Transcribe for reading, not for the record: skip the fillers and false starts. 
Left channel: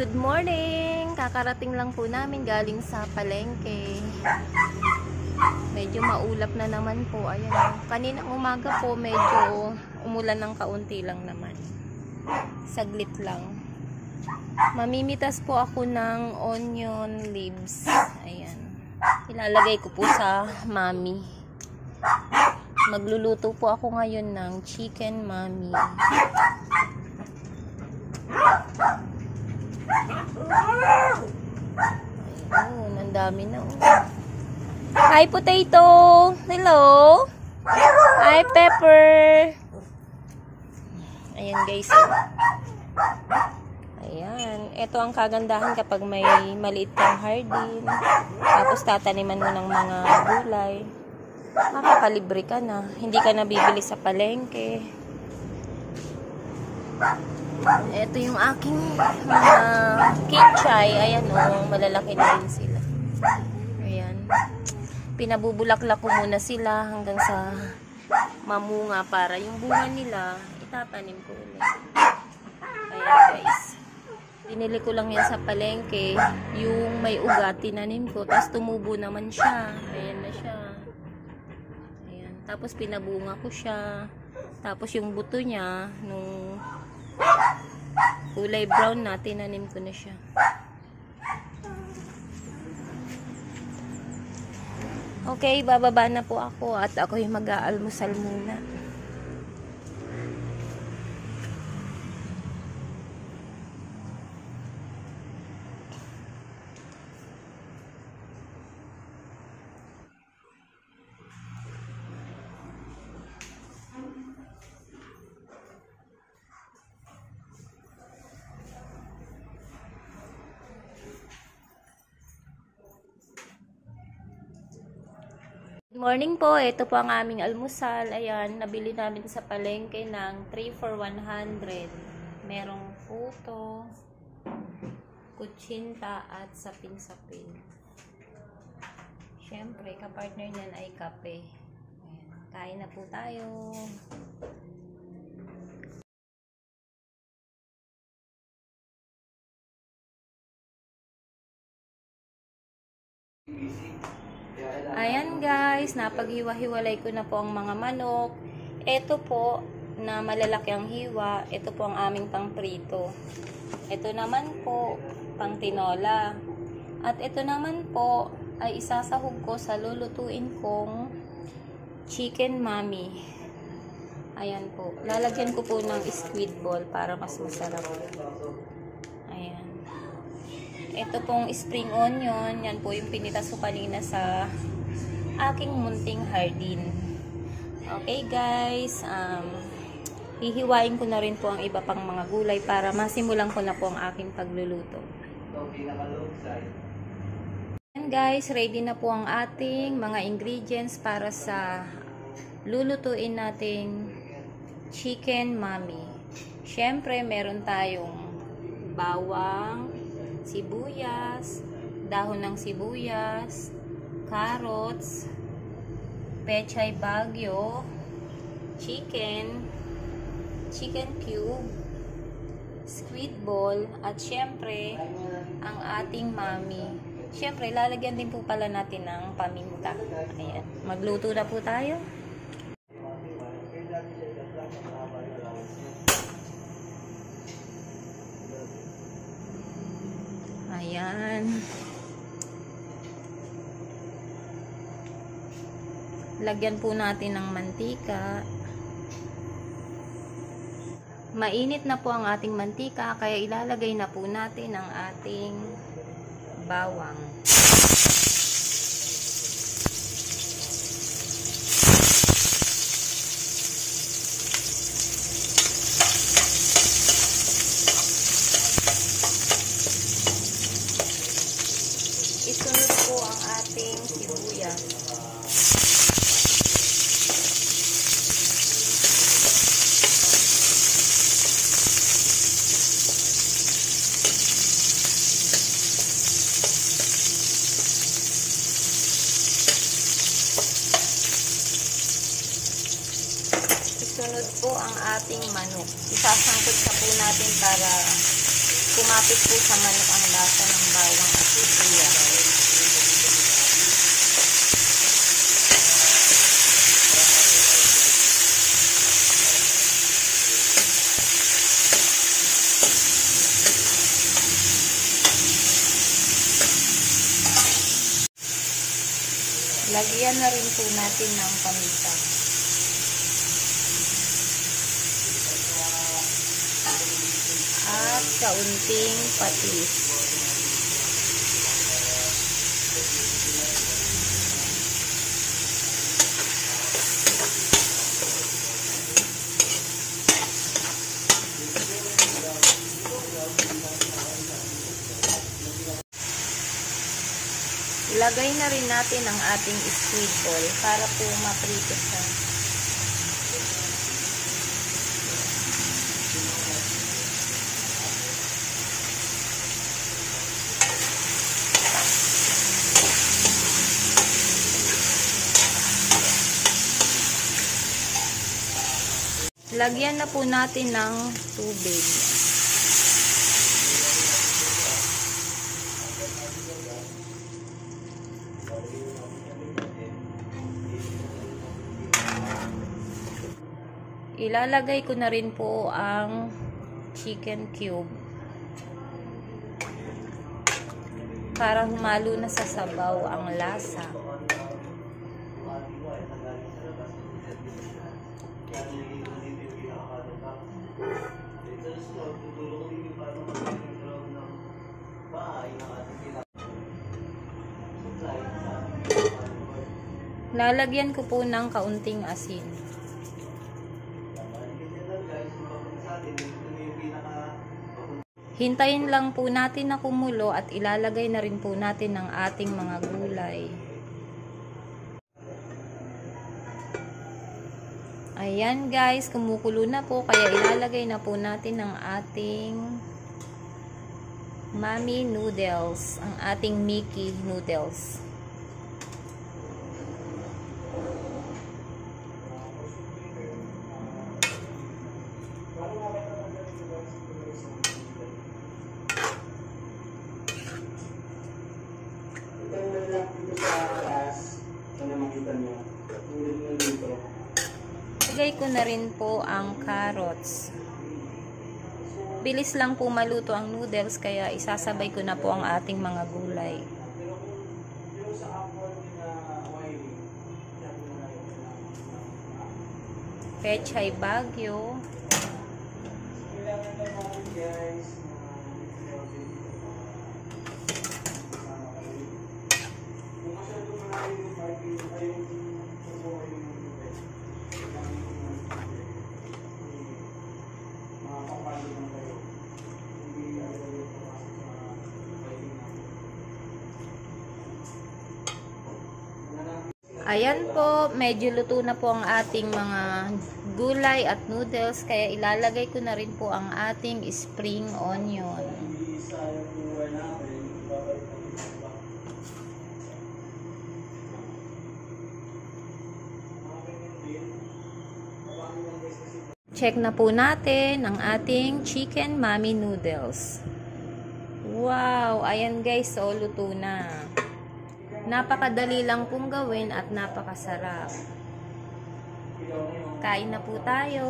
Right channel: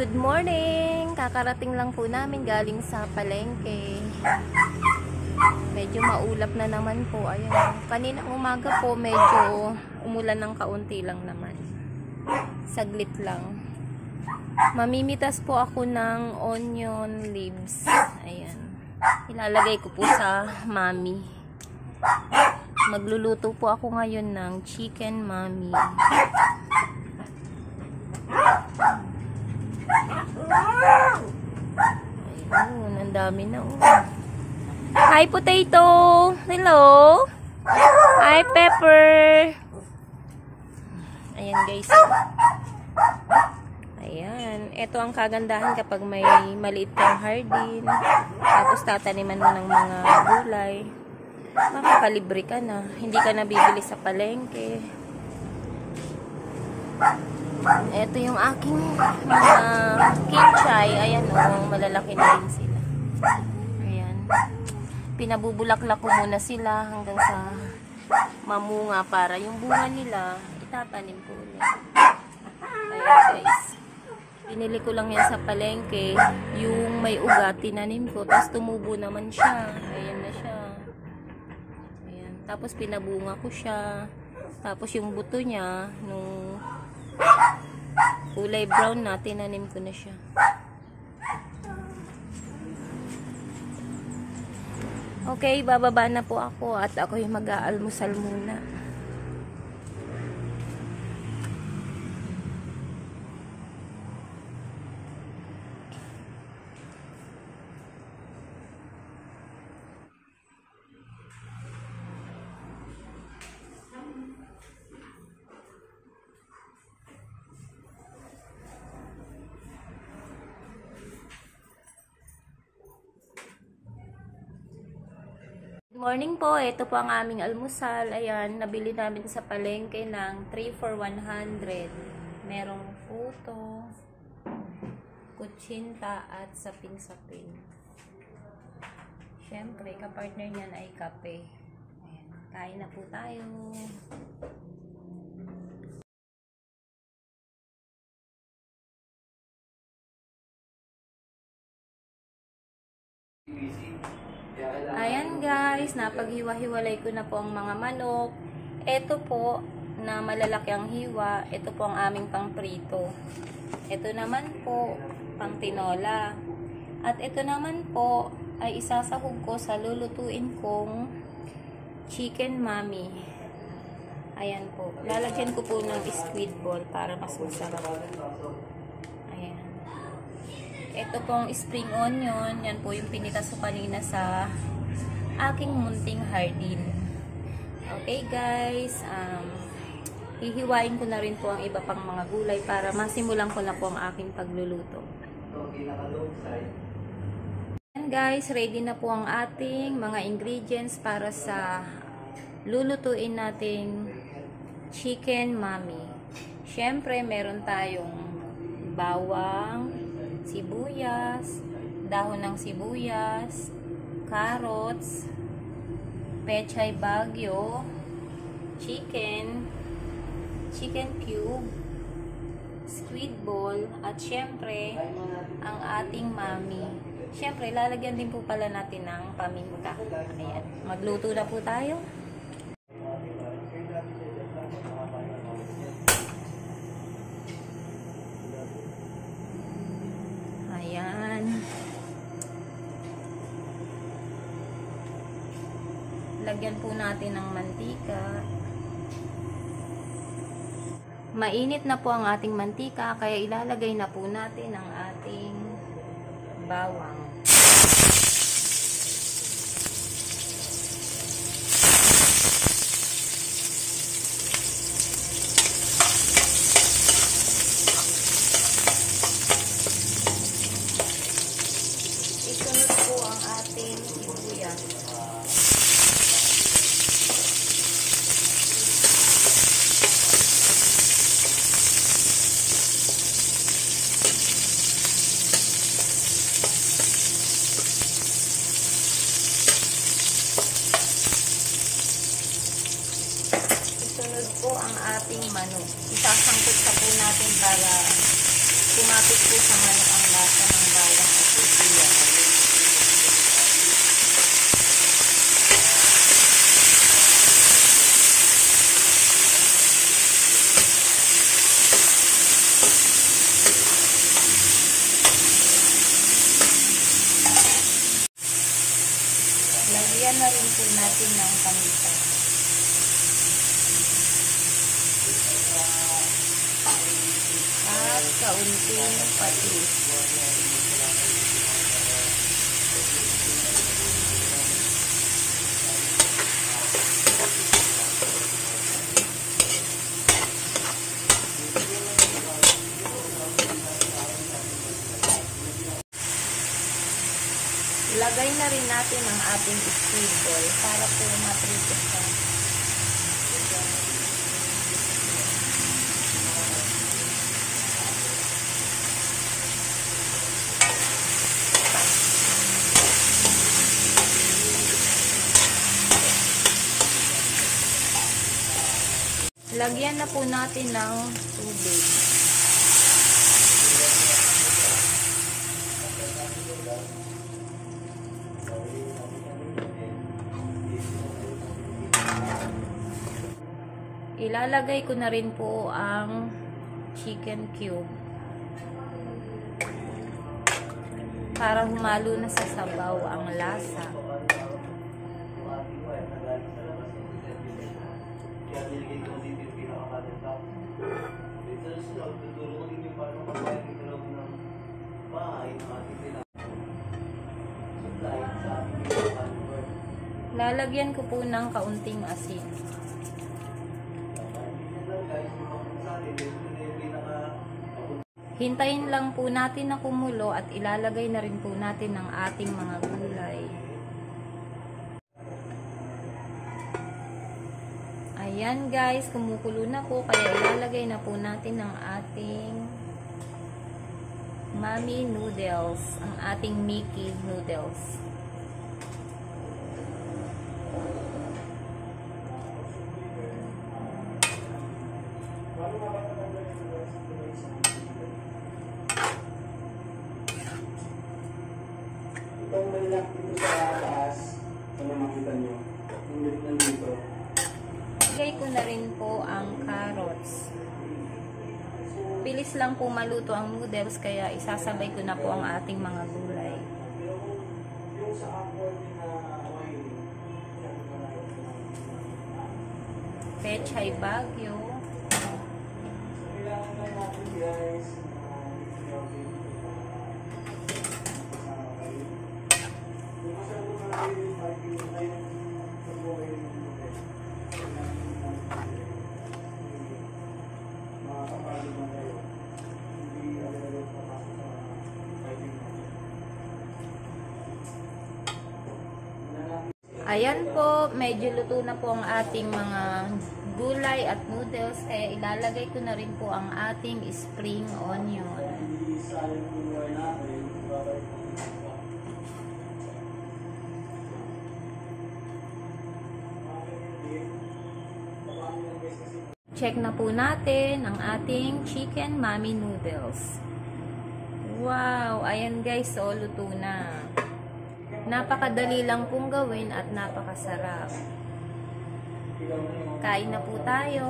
Good morning! Kakarating lang po namin galing sa palengke. Medyo maulap na naman po. Ayan. Kaninang umaga po medyo umulan ng kaunti lang naman. Saglit lang. Mamimitas po ako ng onion leaves. Ayan. Ilalagay ko po sa mami. Magluluto po ako ngayon ng chicken mami. Ayun, ang dami na. Hi, potato! Hello! Hi, pepper! Ayan, guys. Ayan. Ito ang kagandahan kapag may maliit kang hardin. Tapos tataniman mo ng mga gulay. Makakalibre ka na. Hindi ka na bibili sa palengke. Ito yung aking kinchay. Ayan o, malalaki na din sila. Ayan. Pinabubulaklak ko muna sila hanggang sa mamunga para yung bunga nila itatanim ko ulit. Ayan guys. Pinili ko lang yan sa palengke. Yung may ugat, tinanim ko. Tapos tumubo naman siya. Ayan na siya. Ayan. Tapos pinabunga ko siya. Tapos yung buto niya, nung kulay brown na, tinanim ko na siya. Okay, bababa na po ako at ako'y mag-aalmusal muna. Good morning po. Ito po ang aming almusal. Ayan, nabili namin sa palengke ng 3 for 100. Merong puto, kutsinta at sapin-sapin. Siyempre, kapartner niyan ay kape. Ayan, kain na po tayo. Ayan guys, napaghiwa-hiwalay ko na po ang mga manok. Ito po, na malalaki ang hiwa. Ito po ang aming pang-prito. Ito naman po, pang-tinola. At ito naman po, ay isasahog ko sa lulutuin kong chicken mami. Ayan po. Lalagyan ko po ng squid ball para mas masarap. Ayan. Ito pong spring onion. Yan po yung pinitas ko kanina sa aking munting hardin. Okay guys, hihiwain ko na rin po ang iba pang mga gulay para masimulan ko na po ang aking pagluluto. And guys, ready na po ang ating mga ingredients para sa lulutuin nating chicken mami. Siyempre, meron tayong bawang, sibuyas, dahon ng sibuyas, carrots, pechay bagyo, chicken cube, squid ball, at syempre, ang ating mami. Syempre, lalagyan din po pala natin ng paminta. Ayan. Magluto na po tayo. Ayan. Lagyan po natin ng mantika. Mainit na po ang ating mantika, kaya ilalagay na po natin ang ating bawang. Isunod po ang ating sibuyas. Isunod po ang ating manok. Isasangkot sa po natin para kumapit po sa manok ang lasa ng bawang at sibuyas. Lagyan na rin po natin ng paminta. At kaunting patis. Ilagay na rin natin ang ating squid ball para po maprito siya. Lagyan na po natin ng tubig. Ilalagay ko na rin po ang chicken cube para humalo na sa sabaw ang lasa. Lalagyan ko po ng kaunting asin. Hintayin lang po natin na kumulo at ilalagay na rin po natin ang ating mga gulay. Ayan guys, kumukulo na po kaya ilalagay na po natin ang ating Mami noodles, ang ating Mickey noodles. Lagay ko na rin po ang carrots. Bilis lang po maluto ang noodles kaya isasabay ko na po ang ating mga gulay. Pechay Baguio. Ayan po, medyo luto na po ang ating mga gulay at noodles, kaya ilalagay ko na rin po ang ating spring onion. Check na po natin ang ating chicken mami noodles. Wow, ayan guys, so luto na. Napakadali lang pong gawin at napakasarap. Kain na po tayo.